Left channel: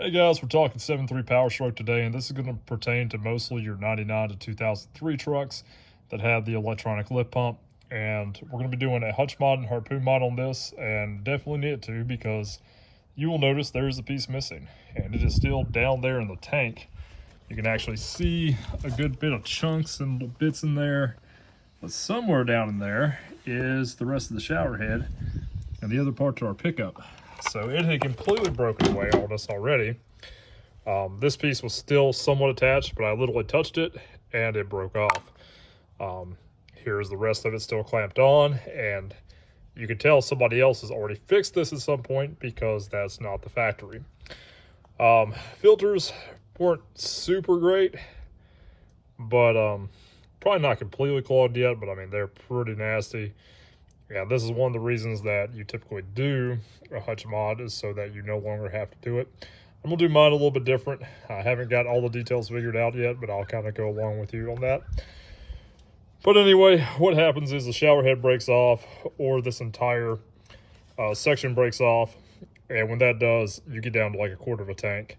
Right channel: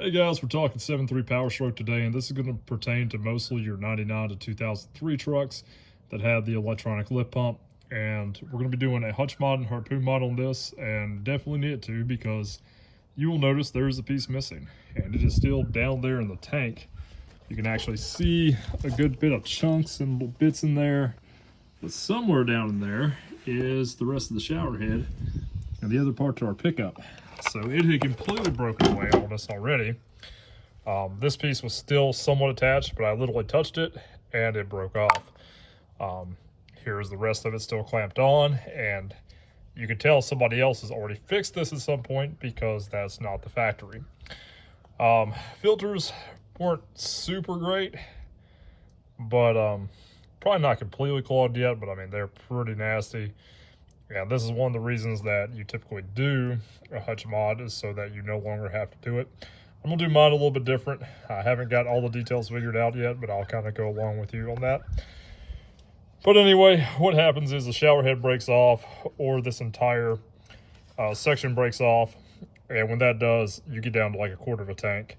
Hey guys, we're talking 7.3 power stroke today, and this is going to pertain to mostly your 99 to 2003 trucks that have the electronic lift pump. And we're going to be doing a hutch mod and harpoon mod on this, and definitely need to because you will notice there is a piece missing, and it is still down there in the tank. You can actually see a good bit of chunks and little bits in there, but somewhere down in there is the rest of the shower head and the other part to our pickup. So it had completely broken away on us already. This piece was still somewhat attached, but I literally touched it and it broke off. Here's the rest of it still clamped on, and you can tell somebody else has already fixed this at some point because that's not the factory. Filters weren't super great, but probably not completely clogged yet, but I mean, they're pretty nasty. Yeah, this is one of the reasons that you typically do a hutch mod, is so that you no longer have to do it. I'm gonna do mine a little bit different. I haven't got all the details figured out yet, but I'll kind of go along with you on that. But anyway, what happens is the shower head breaks off, or this entire section breaks off, and when that does, you get down to like a quarter of a tank,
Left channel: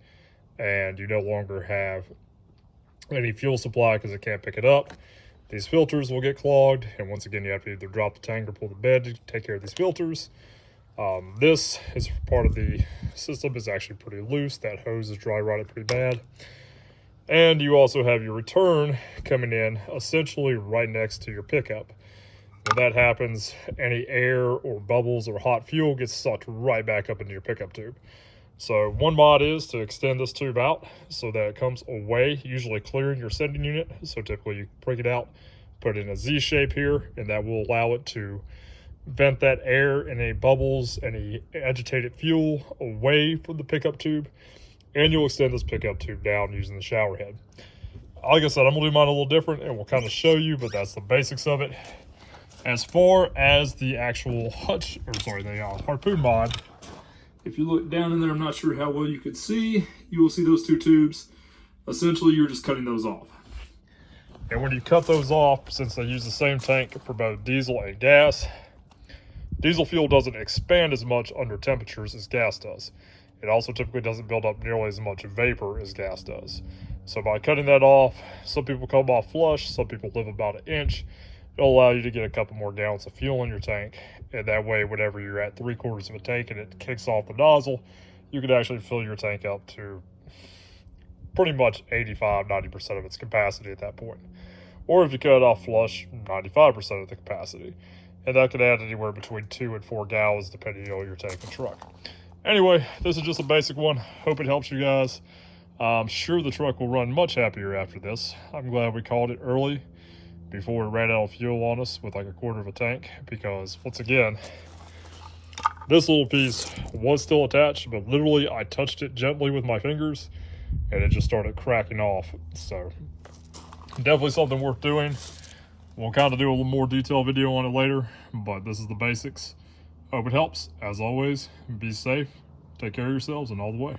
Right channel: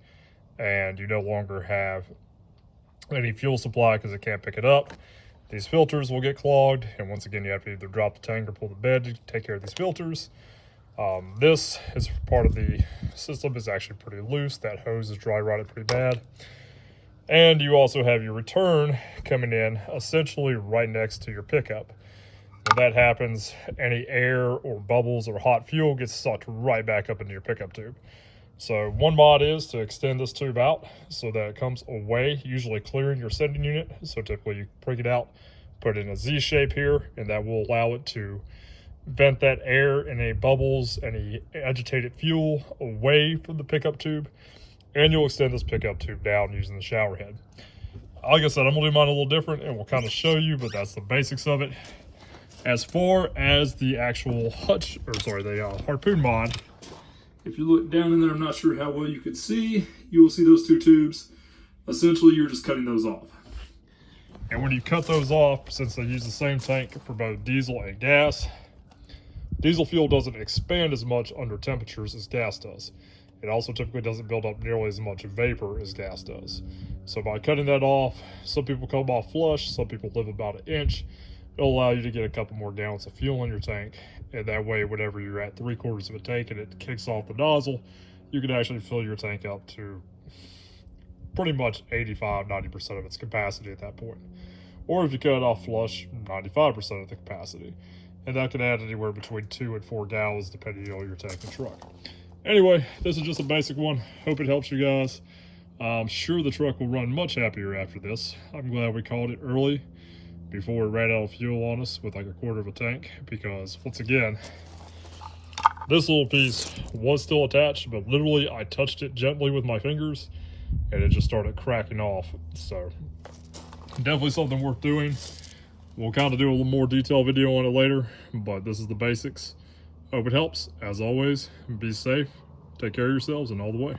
and you no longer have any fuel supply because it can't pick it up. These filters will get clogged, and once again, you have to either drop the tank or pull the bed to take care of these filters. This is part of the system is actually pretty loose. That hose is dry rotted pretty bad. And you also have your return coming in essentially right next to your pickup. When that happens, any air or bubbles or hot fuel gets sucked right back up into your pickup tube. So one mod is to extend this tube out so that it comes away, usually clearing your sending unit. So typically you break it out, put it in a Z shape here, and that will allow it to vent that air and any bubbles, any agitated fuel away from the pickup tube. And you'll extend this pickup tube down using the shower head. Like I said, I'm gonna do mine a little different and we'll kind of show you, but that's the basics of it. As far as the actual hutch, or sorry, the harpoon mod, if you look down in there, I'm not sure how well you can see, you will see those two tubes. Essentially, you're just cutting those off. And when you cut those off, since they use the same tank for both diesel and gas, diesel fuel doesn't expand as much under temperatures as gas does. It also typically doesn't build up nearly as much vapor as gas does. So by cutting that off, some people come off flush, some people live about an inch. It'll allow you to get a couple more gallons of fuel in your tank, and that way whenever you're at 3/4 of a tank and it kicks off the nozzle, you can actually fill your tank up to pretty much 85–90% of its capacity at that point. Or if you cut it off flush, 95% of the capacity, and that could add anywhere between 2 and 4 gallons depending on your tank and truck. Anyway, this is just a basic one. Hope it helps you guys. I'm sure the truck will run much happier after this. I'm glad we called it early before it ran out of fuel on us with like a quarter of a tank, because once again, this little piece was still attached, but literally I touched it gently with my fingers and it just started cracking off. So definitely something worth doing. We'll kind of do a little more detailed video on it later, but this is the basics. Hope it helps. As always, be safe, take care of yourselves, and all the way.